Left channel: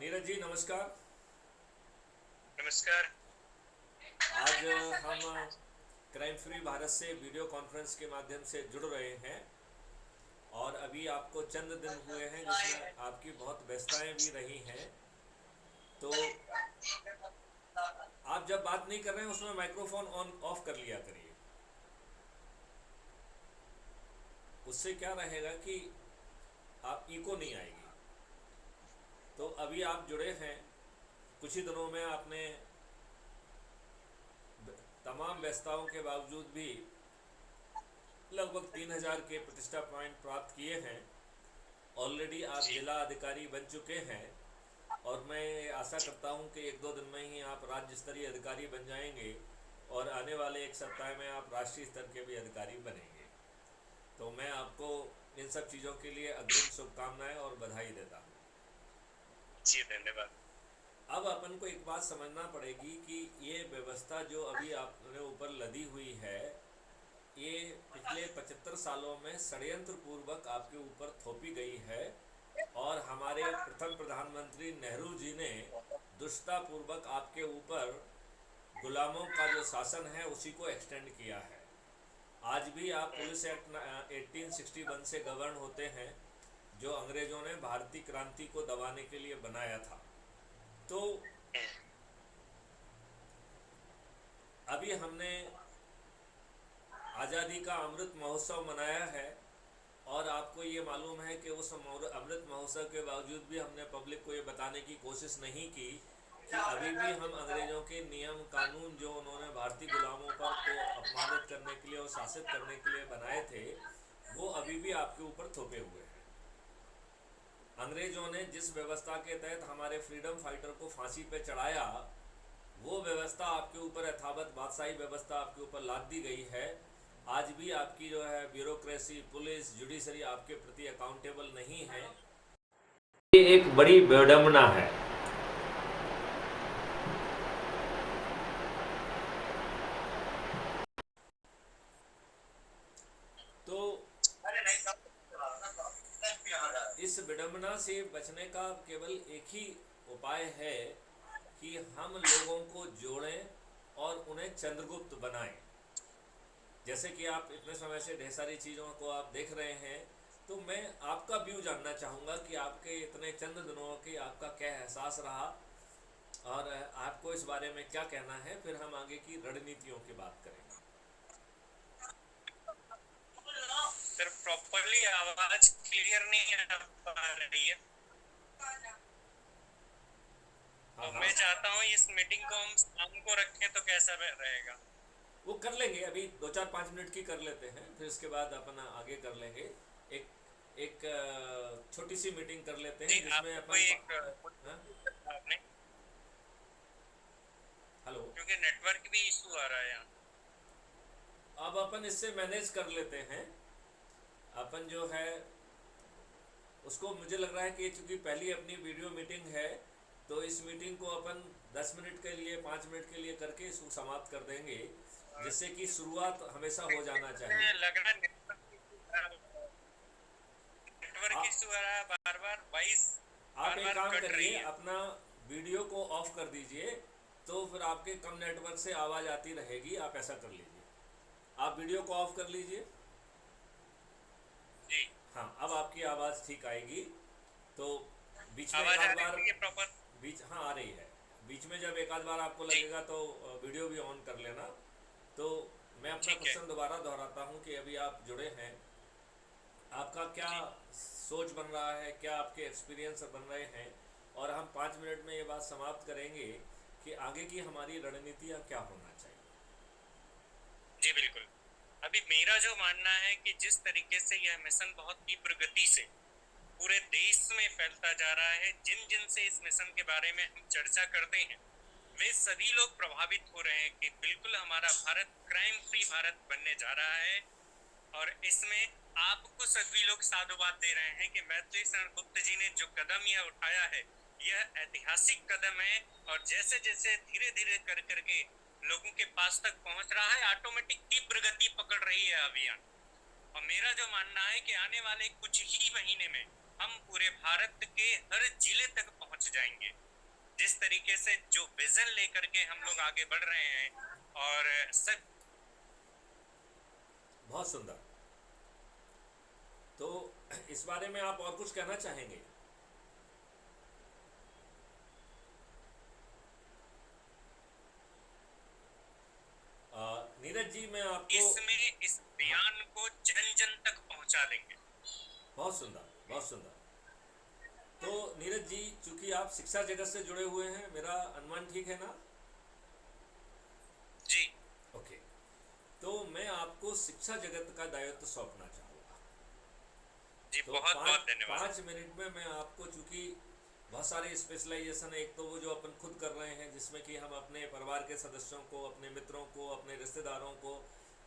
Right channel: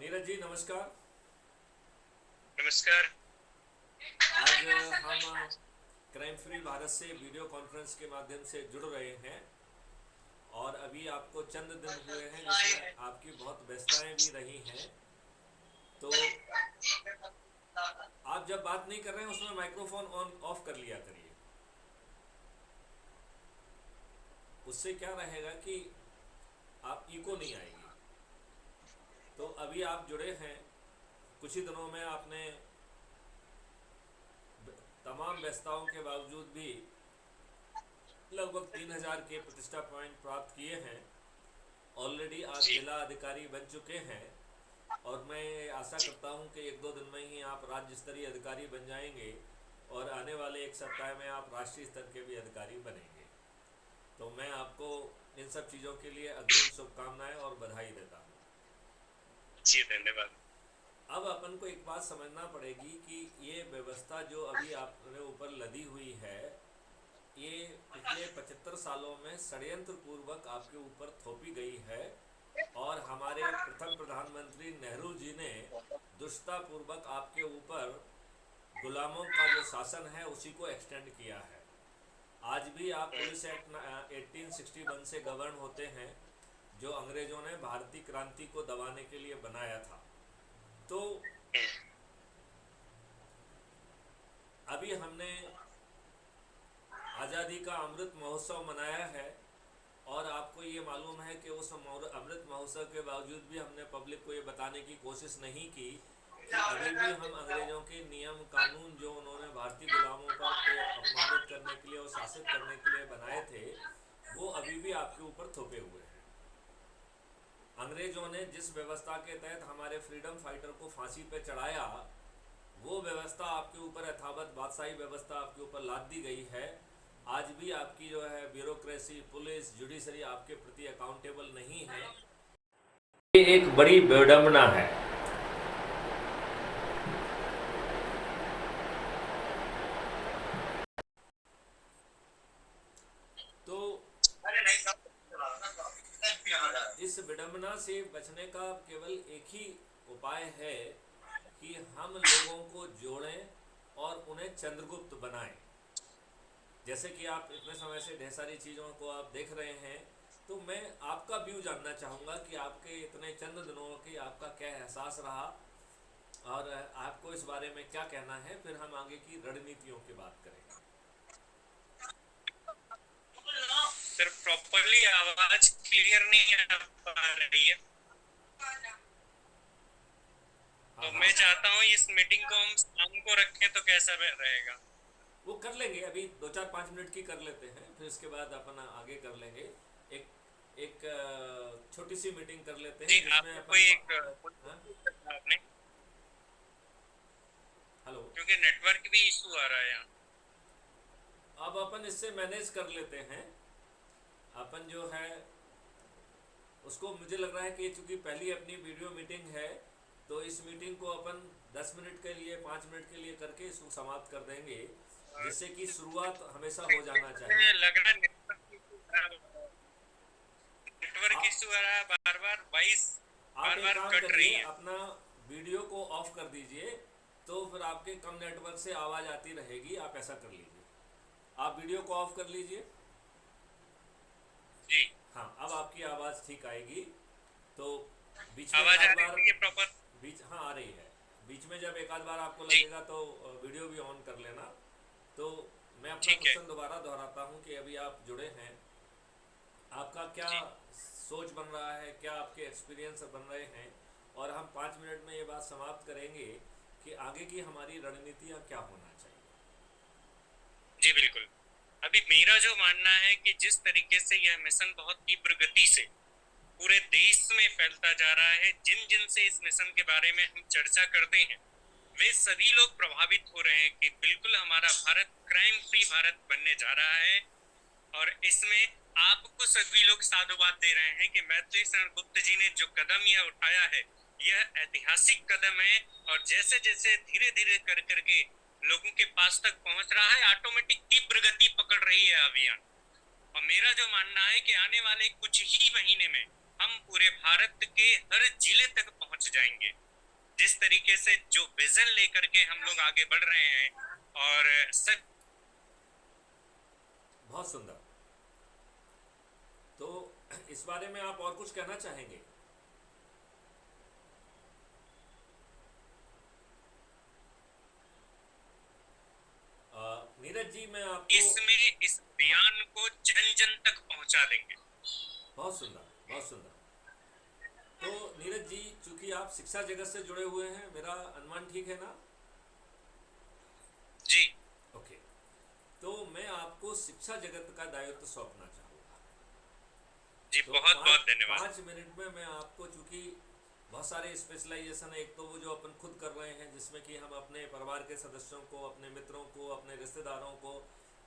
नीरज जी नमस्कार। नमस्कार। आज हम क्राइम फ्री भारत से वीडियो कॉन्फ्रेंस के माध्यम से जुड़ रहे हैं और अभी आपको चंद दिन हुए हैं जिसमें आपकी बहुत व्यस्तताएं भी रही हैं। तो आप जब बात नहीं कर रहे हैं उसमें माइक्रोफोन ऑन ऑफ कर लिया करिए। उससे क्या रहेगा कि आप इको नहीं आएगी। तो अभी आप जुड़े हैं, कुछ ही दिनों में आपने तमाम व्यस्तताओं के बावजूद भी लगभग 3,000 के प्रतिष्ठा पॉइंट प्राप्त किए हैं। ऑलरेडी आप जी। जिला अधिकारी बन चुके हैं और मैं आशा जी। करता हूं कि एक दो दिन में ही आप राज्य स्तरीय अधिकारी बन जाएंगे और आने वाले एक सप्ताह में आप राष्ट्रीय स्तर के भी अधिकारी बनेंगे। तो मैं आपको इन सब चीज़ों के लिए अग्रिम शुभकामनाएं और बधाई देता हूं। जी, धन्यवाद। अब अपन को एक बात समझना पड़ेगी कि ये व्यवस्था जो अभी आपने ऊपर लदी हुई है, ये पिछले 75 सालों में षड्यंत्र पूर्वक आपके ऊपर थोपी गई है और हमारे प्रथम प्रधानमंत्री नेहरू जी ने दुष्टतापूर्वक आपके ऊपर गुलामों का जो शासन है उसी को एक्सटेंड किया है। आज भी आप पुलिस एक्ट 1861 से गवर्न होते हैं, जो अंग्रेजों ने भारतीय क्रांति को दबाने के लिए बनाया था। तो अभी हमने आज़ादी का अमृत महोत्सव मनाया है और आपको ये मालूम है कि उस अमृत महोत्सव के बावजूद भी हमने पब्लिक को ये बताने की कोशिश नहीं की कि अभी भी हम अंग्रेज़ों के नियम कानून जो उन्होंने भारतीय गुलामों पर को अपमानित करने के लिए और शासित करने के लिए बनाए थे, वो अभी भी आपके ऊपर थोपे हुए हैं। अंग्रेज़ों ने जिस व्यवस्था के तहत हमारे फ्रीडम फाइटर को फांसी पे चढ़ाया, वो व्यवस्था आपके ऊपर यथावत बादशाही व्यवस्था आपके ऊपर लाद दी गई है। आज भी आपकी जो है ब्यूरोक्रेसी, पुलिस, जुडिशरी आपके प्रति अकाउंटेबल नहीं है। ये एक बड़ी विडंबना है। तो इस विडंबना से बचने का केवल एक ही उपाय है कि हम लोगों को जोड़ें और उन्हें चंद्रगुप्त बनाएं। जैसे कि आप इतने समय से ढेर सारी चीज़ों को आप देख रहे हैं, तो मैं आपका व्यू जानना चाहूँगा कि आपके इतने चंद दिनों की आपका क्या एहसास रहा और आपको इस बारे में क्या कहना है, फिर हम आगे की रणनीतियों की बात करेंगे। सर, प्रॉपरली आवाज क्लियर नहीं आ पा रही है। हाँ तो हाँ, मैं चाहता हूँ इस मीटिंग को हम शाम को रखें तो कैसा रहेगा? वो कर लेंगे, अभी 2 4 5 मिनट की कर लेते हैं, फिर उसके बाद अपन आगे कर लेंगे। एक एक छोटी सी मीटिंग कर लेते जी, हैं जिसमें आपको कोई अपन एक हाँ, आपने, हेलो। क्योंकि नेटवर्क भी इशू आ रहा है यहाँ। अब अपन इससे मैनेज कर लेते हैं। अपन जो है उसको, मुझे लग रहा है कि चूंकि पहली अपनी वीडियो मीटिंग है, तो इस मीटिंग को अपन 10 मिनट के लिए, 5 मिनट के लिए करके इसको समाप्त कर देंगे, जिससे कि शुरुआत हमेशा हो जाना मुझे चाहिए। लग रहा है नेटवर्क आप इशू आ रहा है, बार बार वॉइस आप बार एक बार काम कट करिए, रही है। अपना वीडियो को ऑफ कर दीजिए, तो फिर आपके कम नेटवर्क से आवाज़ आती रहेगी। आप ऐसा कर लीजिए, आप वीडियो को ऑफ कर लीजिए। जी। हाँ, अब आपकी आवाज़ ठीक आएगी। तो बीच में एक आवाज आध आ बार, रही है प्रॉपर? बीच हाँ आ रही है। बीच में जब एक आध बार आपको जी। लगेगा तो वीडियो भी ऑन कर लेना। तो मैं अपना ठीक है। क्वेश्चन दोबारा दोहराता हूँ कि अभी आप जुड़े हैं, आपका क्या जी। सोच बन रहा है, क्या आपके एक्सपीरियंस बन रहे हैं, और हम 5 मिनट में ये बात समाप्त करेंगे कि आगे की हमारी रणनीतियाँ क्या होना चाहिए। जी, बिल्कुल। अभी मेरा जो मानना है कि जिस तरीके से यह मिशन बहुत तीव्र गति से पूरे देश में फैलता जा रहा है, जिन जिन से इस मिशन के बारे में हम चर्चा करते हैं, वे सभी लोग प्रभावित हो रहे हैं कि बिल्कुल हमारा भारत क्राइम फ्री भारत बनने जा रहा है। और इसमें आपको सभी लोग साधुवाद दे रहे हैं कि मैत्री शरण गुप्त जी ने जो कदम यह उठाया है, यह ऐतिहासिक कदम है। और जैसे जैसे धीरे धीरे कर करके लोगों के पास तक पहुंच रहा है, ऑटोमेटिक तीव्र गति पकड़ रही है अभियान। और मेरा जो मानना है कि आने वाले कुछ ही महीने में हम पूरे भारत के हर जिले तक पहुंच पहुंच जाएंगे। जिस तरीके से जो विजन लेकर के हम लोग आगे बढ़ रहे हैं, और सब बहुत सुंदर। तो इस बारे में आप और कुछ कहना चाहेंगे? नीरज जी, मैं आपको इसमें इस बयान को जन जन तक पहुंचा देंगे। बहुत सुंदर, बहुत सुंदर। तो नीरज जी, चूंकि आप शिक्षा जगत से जुड़े हुए हैं, मेरा अनुमान ठीक है ना? जी ओके। तो मैं आपको शिक्षा जगत का दायित्व सौंपना चाहूँगा। जी, तो बहुत बहुत धन्यवाद। 5 मिनट में मैं आपको, चूंकि बहुत सारे स्पेशलाइजेशन है, एक तो वो जो अपन खुद कर रहे हैं जिसमें कि हम अपने परिवार के सदस्यों को, अपने मित्रों को, अपने रिश्तेदारों को,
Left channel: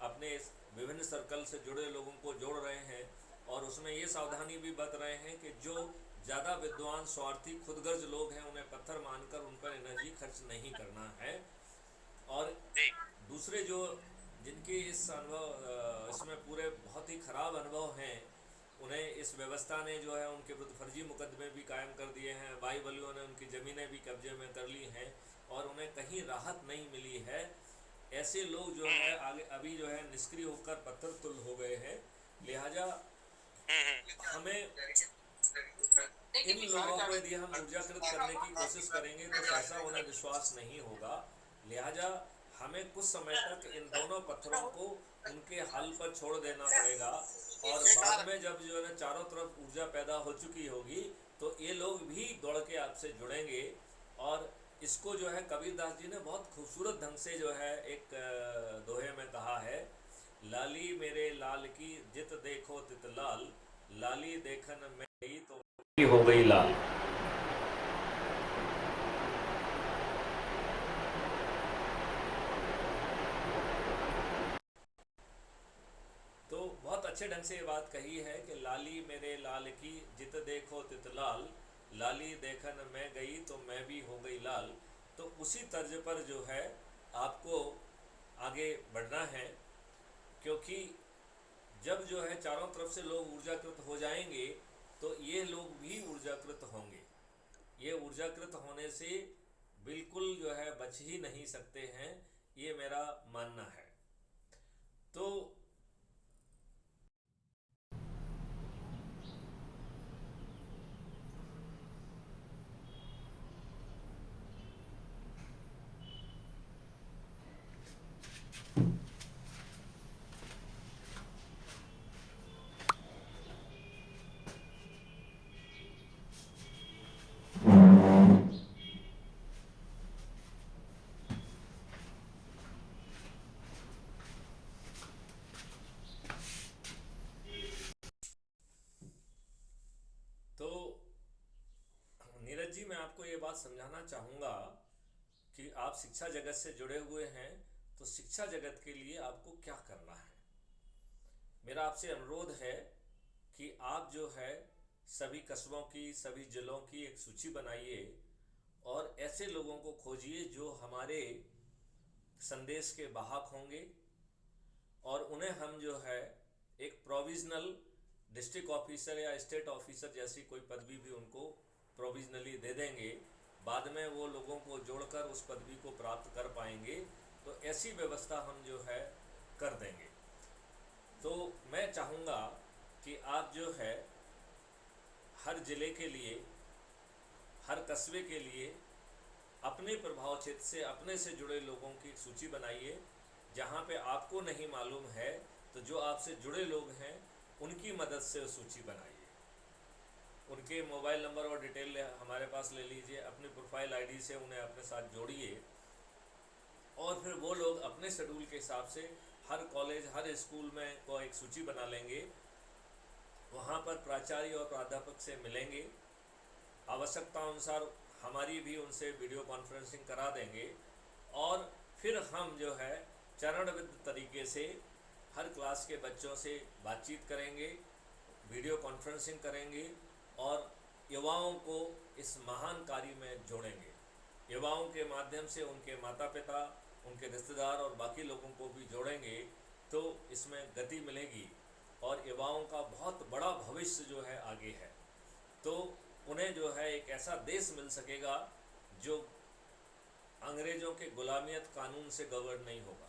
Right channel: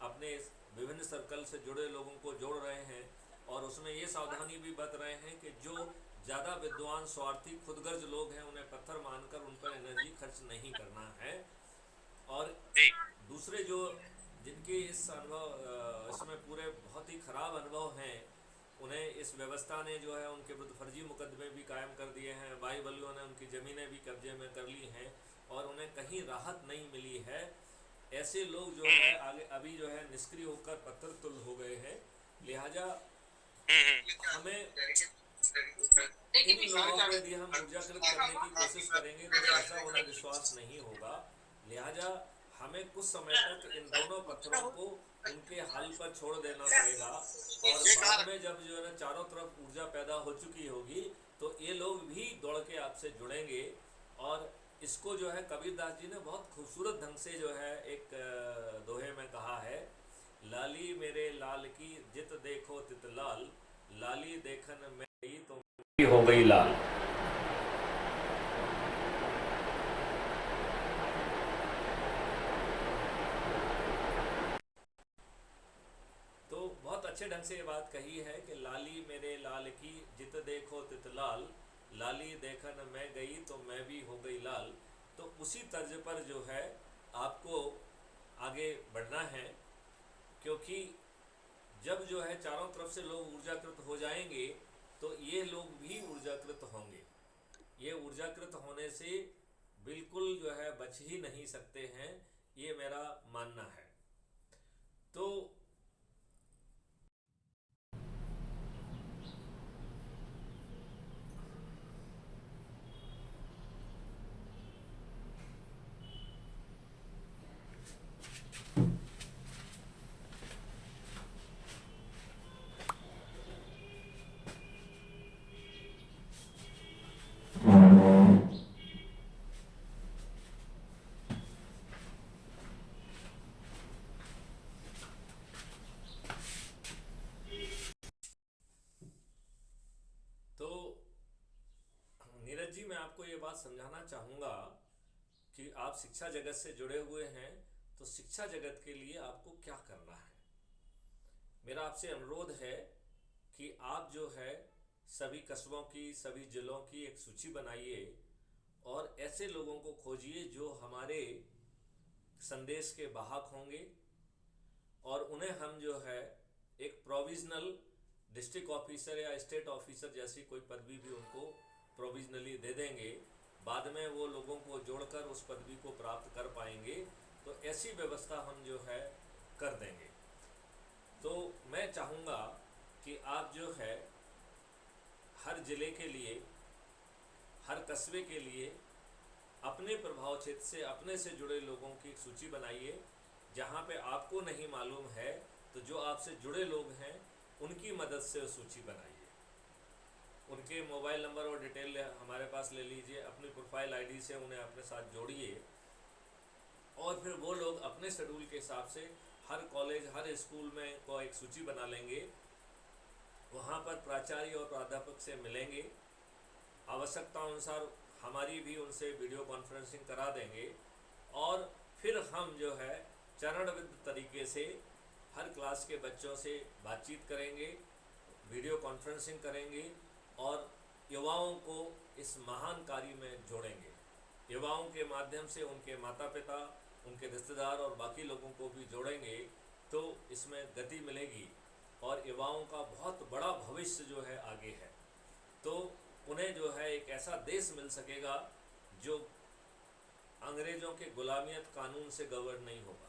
अपने विभिन्न सर्कल से जुड़े लोगों को जोड़ रहे हैं, और उसमें ये सावधानी भी बरत रहे हैं कि जो ज़्यादा विद्वान, स्वार्थी, खुदगर्ज लोग हैं उन्हें पत्थर मानकर उन पर एनर्जी खर्च नहीं करना है। और जी दूसरे जो जिनके इस अनुभव इसमें पूरे बहुत ही ख़राब अनुभव हैं, उन्हें इस व्यवस्था ने जो है उनके विरुद्ध फर्जी मुकदमे भी कायम कर दिए हैं, बाहुबलियों ने उनकी ज़मीनें भी कब्जे में कर ली हैं और उन्हें कहीं राहत नहीं मिली है। ऐसे लोग जो है आगे अभी जो है निष्क्रिय होकर पत्थर तुल हो गए हैं। लिहाजा हमें इन लोगों को यदि हम ऊर्जाकृत करने की कोशिश करेंगे तो सहसा उन्हें विश्वास नहीं होगा। लिहाजा हमें कुछ समय तक इन दोनों पत्थरों को उनके हल पर छोड़ देना पड़ेगा, और बाद में जब जो है ना चारों तरफ ऊर्जा पैदा हो चुकी होगी तो ये लोग भी दौड़ के आपसे जुड़ेंगे। और इसको जो है कबीरदास जी ने बहुत खूबसूरत ढंग से जो है एक दोहे में कहा है, लाली मेरे लाल की जित देखो तित लाल, लाली देखन में गई तो हो गई लाल। तो बहुत अच्छे ढंग से ये बात कही है कि लाली मेरे लाल की जित देखो तित लाल, लाली देखन मैं गई तो मैं भी हो गई लाल। तो उसी तर्ज पर जो है आपको आगे बढ़ना है, क्योंकि जब जो है चारों तरफ से लोग ऊर्जाकृत हो जाएंगे तो ये लोग भी ऊर्जाकृत होंगे। ये ऊर्जाकृत होने से बिल्कुल जो है बच ही नहीं सकते हैं, ये मेरा मानना है। तो तो नीरज जी, मैं आपको ये बात समझाना चाहूँगा कि आप शिक्षा जगत से जुड़े हुए हैं, तो शिक्षा जगत के लिए आपको क्या करना है। मेरा आपसे अनुरोध है कि आप जो है सभी कस्बों की, सभी जिलों की एक सूची बनाइए और ऐसे लोगों को खोजिए जो हमारे संदेश के वाहक होंगे, और उन्हें हम जो है एक प्रोविजनल डिस्ट्रिक्ट ऑफिसर या स्टेट ऑफिसर जैसी कोई पदवी भी उनको प्रोविजनली दे देंगे। बाद में वो लोगों को जोड़कर उस पदवी को प्राप्त कर पाएंगे। तो ऐसी व्यवस्था हम जो है कर देंगे। तो मैं चाहूँगा कि आप जो है हर ज़िले के लिए, हर कस्बे के लिए अपने प्रभाव क्षेत्र से, अपने से जुड़े लोगों की एक सूची बनाइए। जहाँ पे आपको नहीं मालूम है तो जो आपसे जुड़े लोग हैं उनकी मदद से सूची बनाइए। उनके मोबाइल नंबर और डिटेल हमारे पास ले लीजिए, अपनी प्रोफाइल आईडी से उन्हें अपने साथ जोड़िए, और फिर वो लोग अपने शेड्यूल के हिसाब से हर कॉलेज, हर स्कूल में को एक सूची बना लेंगे। वहाँ पर प्राचार्य और प्राध्यापक से मिलेंगे, आवश्यकता अनुसार हमारी भी उनसे वीडियो कॉन्फ्रेंसिंग करा देंगे, और फिर हम जो है चरणबद्ध तरीके से हर क्लास के बच्चों से बातचीत करेंगे, वीडियो कॉन्फ्रेंसिंग करेंगे, और युवाओं को इस महान कार्य में जोड़ेंगे। युवाओं के माध्यम से उनके माता पिता, उनके रिश्तेदार और बाकी लोगों को भी जोड़ेंगे, तो इसमें गति मिलेगी और युवाओं का बहुत बड़ा भविष्य जो है आगे है। तो उन्हें जो है एक ऐसा देश मिल सकेगा जो अंग्रेज़ों के गुलामियत कानून से गवर्न नहीं होगा।